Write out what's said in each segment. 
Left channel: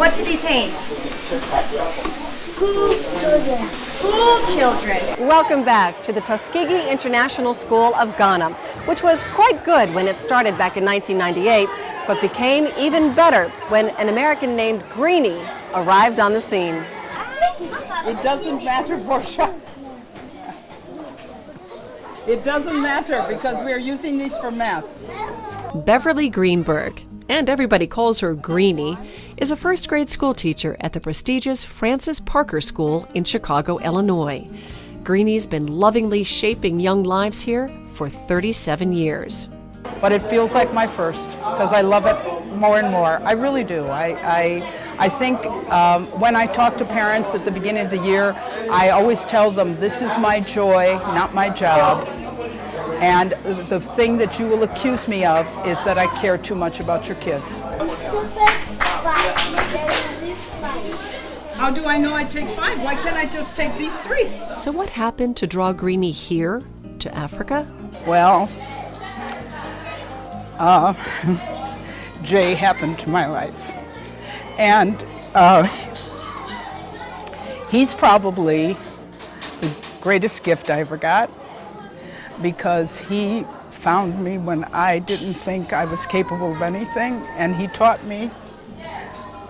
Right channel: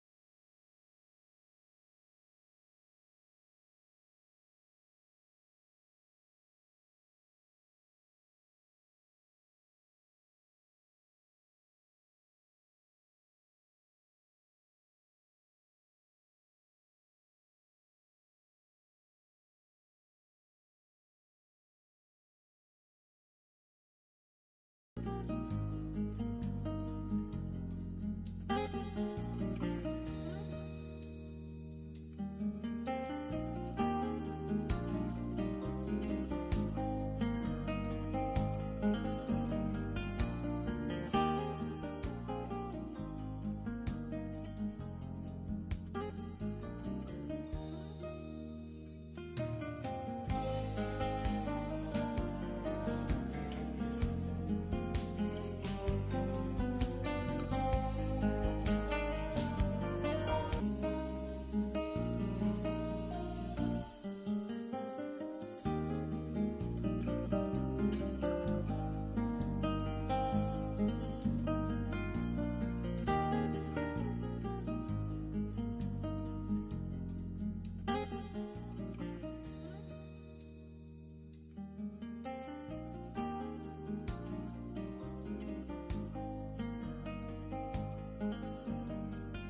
What did he paint? School children. School children. Welcome back to the Tuskegee International School of Ghana, which was quite good when it started back in 1998, but became even better when an American named Greenie arrived on the scene. It doesn't matter, Portia. It doesn't matter because we are using these for math. Beverly Greenberg, and everybody calls her Greenie, is a first grade school teacher at the prestigious Francis Parker School in Chicago, Illinois. Greenie's been lovingly shaping young lives here for 37 years. But it feels like my first because I love it more and more. I really do. I think when I talk to parents at the beginning of the year, I always tell them this is my joy, not my job. And the thing that you will accuse me of is that I care too much about your kids. How do I know I take 5? Why can't I just take these 3? So what happened to draw Greenie here to Africa? Well, Jay happened to my life. And he's probably the greatest gift I ever got, because he found me when I didn't think I was capable of anything, and he taught me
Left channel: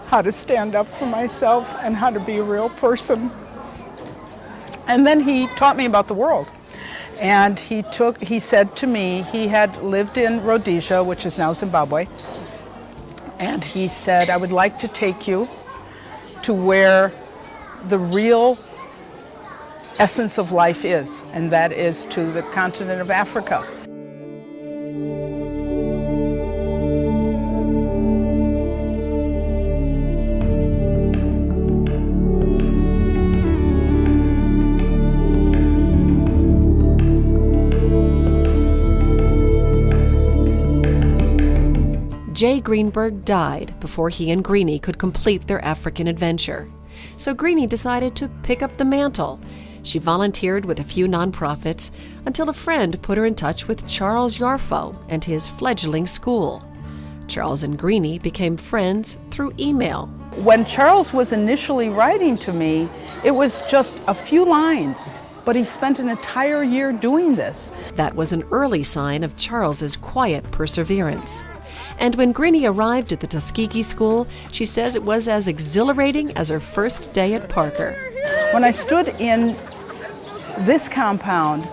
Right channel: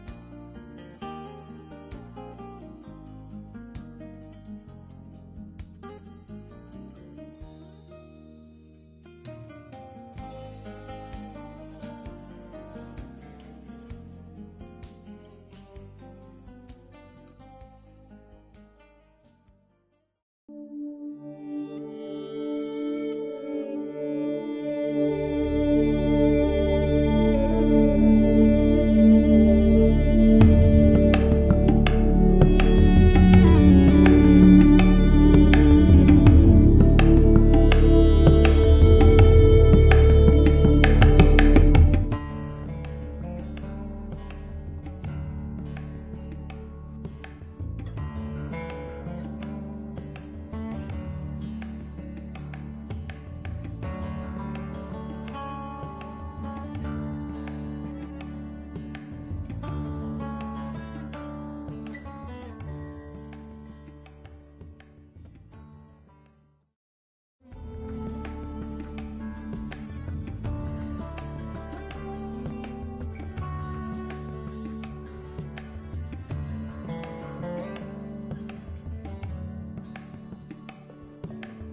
how to stand up for myself and how to be a real person. And then he taught me about the world. And he said to me, he had lived in Rhodesia, which is now Zimbabwe, and he said, I would like to take you to where the real essence of life is, and that is to the continent of Africa. Jay Greenberg died before he and Greenie could complete their African adventure. So Greenie decided to pick up the mantle. She volunteered with a few nonprofits until a friend put her in touch with Charles Yarfo and his fledgling school. Charles and Greenie became friends through email. When Charles was initially writing to me, it was just a few lines, but he spent an entire year doing this. That was an early sign of Charles's quiet perseverance. And when Greenie arrived at the Tuskegee School, she says it was as exhilarating as her first day at Parker. When I stood in this compound,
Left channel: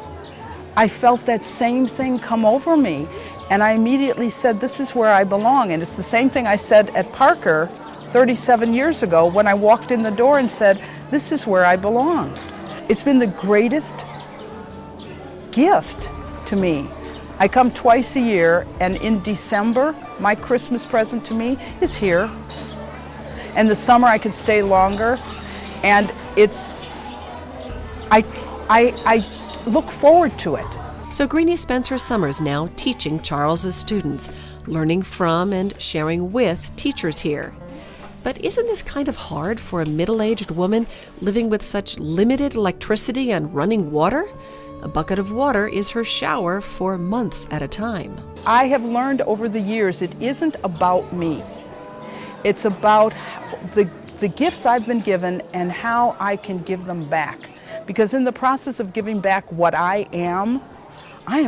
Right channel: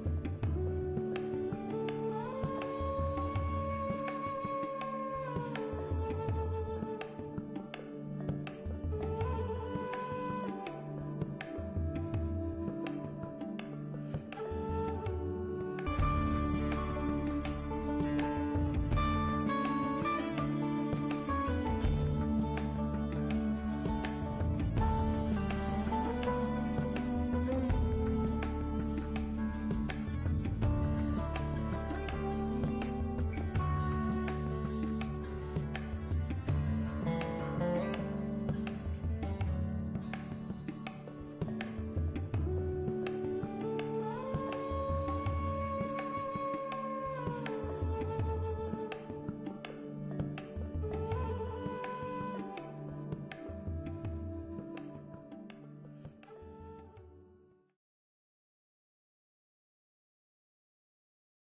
I felt that same thing come over me. And I immediately said, this is where I belong. And it's the same thing I said at Parker 37 years ago when I walked in the door and said, this is where I belong. It's been the greatest gift to me. I come twice a year, and in December, my Christmas present to me is here. And the summer I could stay longer. And I look forward to it. So Greenie spends her summers now teaching Charles's students, learning from and sharing with teachers here. But isn't this kind of hard for a middle-aged woman living with such limited electricity and running water? A bucket of water is her shower for months at a time. I have learned over the years it isn't about me. It's about the gifts I've been given and how I can give them back. Because in the process of giving back what I am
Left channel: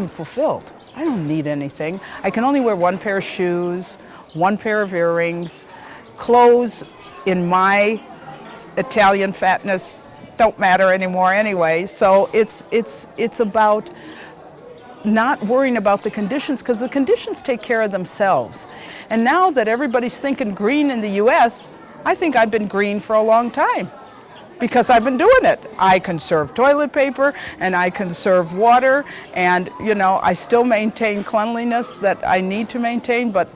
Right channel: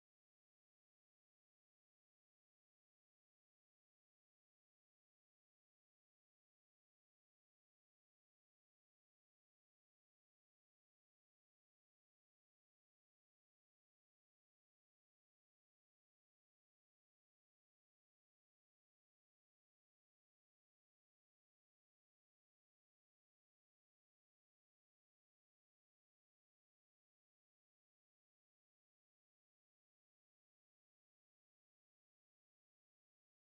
fulfilled. I don't need anything. I can only wear one pair of shoes, one pair of earrings, clothes in my Italian fatness don't matter anymore anyway. So it's about not worrying about the conditions, because the conditions take care of themselves. And now that everybody's thinking green in the US, I think I've been green for a long time because I've been doing it. I conserve toilet paper and I conserve water, and you know, I still maintain cleanliness that I need to maintain, but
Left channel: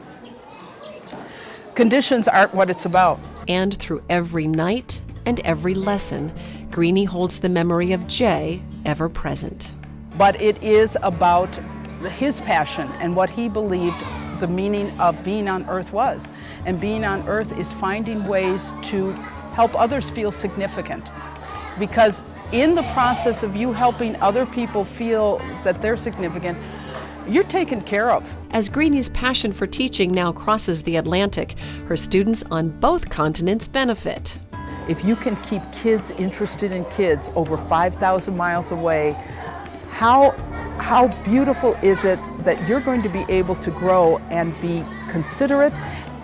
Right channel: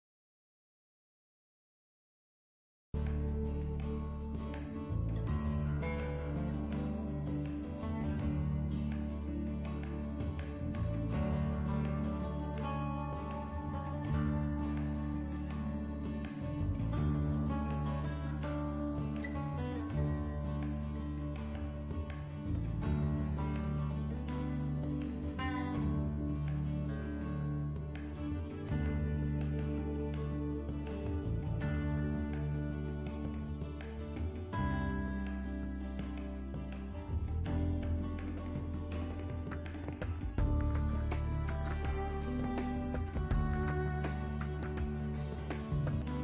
conditions aren't what it's about. And through every night and every lesson, Greenie holds the memory of Jay ever present. But it is about his passion and what he believed the meaning of being on earth was. And being on earth is finding ways to help others feel significant. Because in the process of you helping other people feel that they're significant, you're taken care of. As Greenie's passion for teaching now crosses the Atlantic, her students on both continents benefit. If you can keep kids interested in kids over 5,000 miles away, how beautiful is it that you're going to be able to grow and be considerate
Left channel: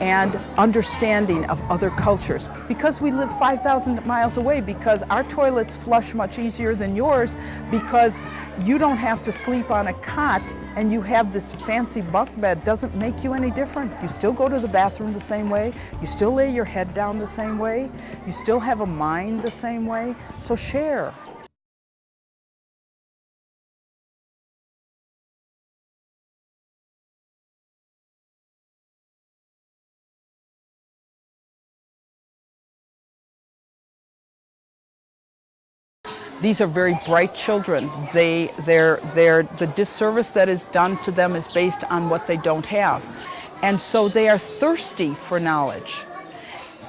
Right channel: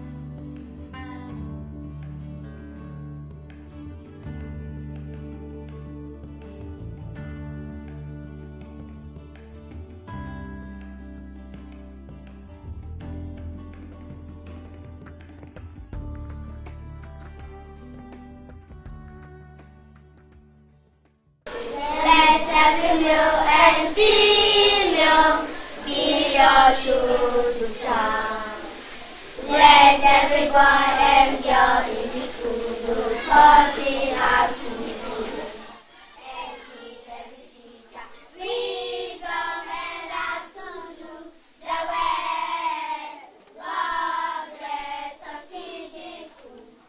and understanding of other cultures? Because we live 5,000 miles away, because our toilets flush much easier than yours, because you don't have to sleep on a cot and you have this fancy bunk bed, doesn't make you any different. You still go to the bathroom the same way, you still lay your head down the same way, you still have a mind the same way, so share. Let every male and female be your true child. Let every boy and girl in this school do something happy. These are very bright children. The disservice that is done to them is based on what they don't have. And so they are thirsty for knowledge.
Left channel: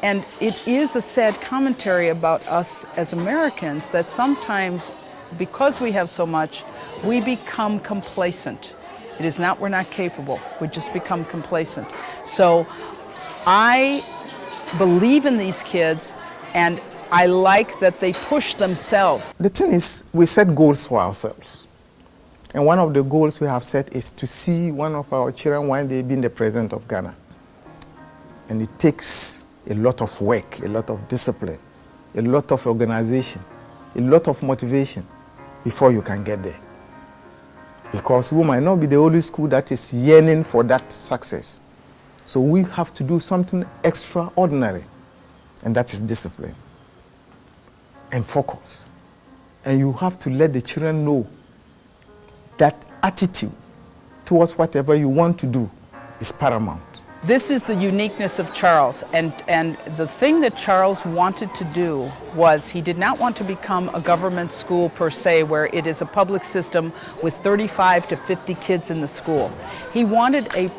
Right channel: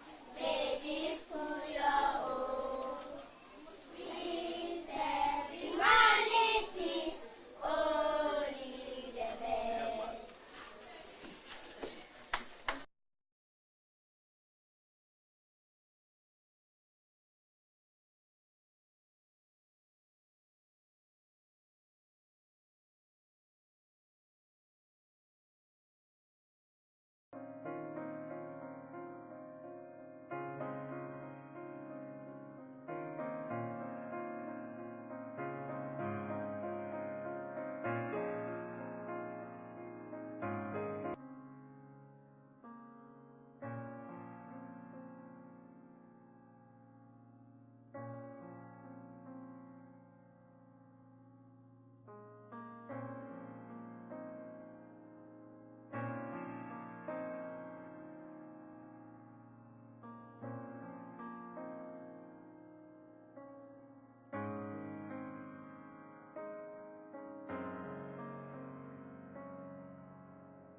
And it is a sad commentary about us as Americans that sometimes, because we have so much, we become complacent. It is not we're not capable, we just become complacent. So I believe in these kids, and I like that they push themselves. The thing is, we set goals for ourselves. And one of the goals we have set is to see one of our children one day being the president of Ghana. And it takes a lot of work, a lot of discipline, a lot of organization, a lot of motivation before you can get there. Because we might not be the only school that is yearning for that success. So we have to do something extraordinary, and that is discipline and focus. And you have to let the children know that attitude towards whatever you want to do is paramount. This is the uniqueness of Charles, and the thing that Charles wanted to do was he did not want to become a government school per se, where it is a public system with 35 to 50 kids in the school. He wanted he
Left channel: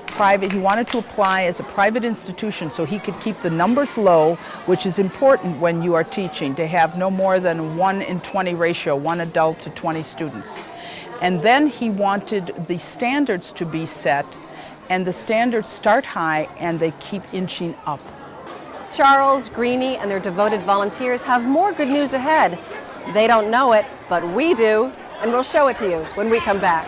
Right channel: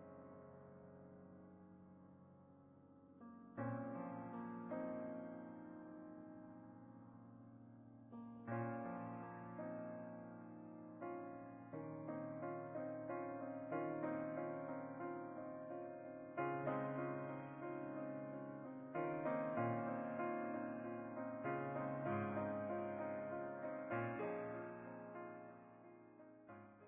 wanted to apply as a private institution so he could keep the numbers low, which is important when you are teaching, to have no more than a 1:20 ratio, 1 adult to 20 students. And then he wanted the standards to be set, and the standards start high and they keep inching up. Charles, Greenie, and their devoted volunteers have more good news ahead. They don't know it, but we do, and we'll show it to you when we come back.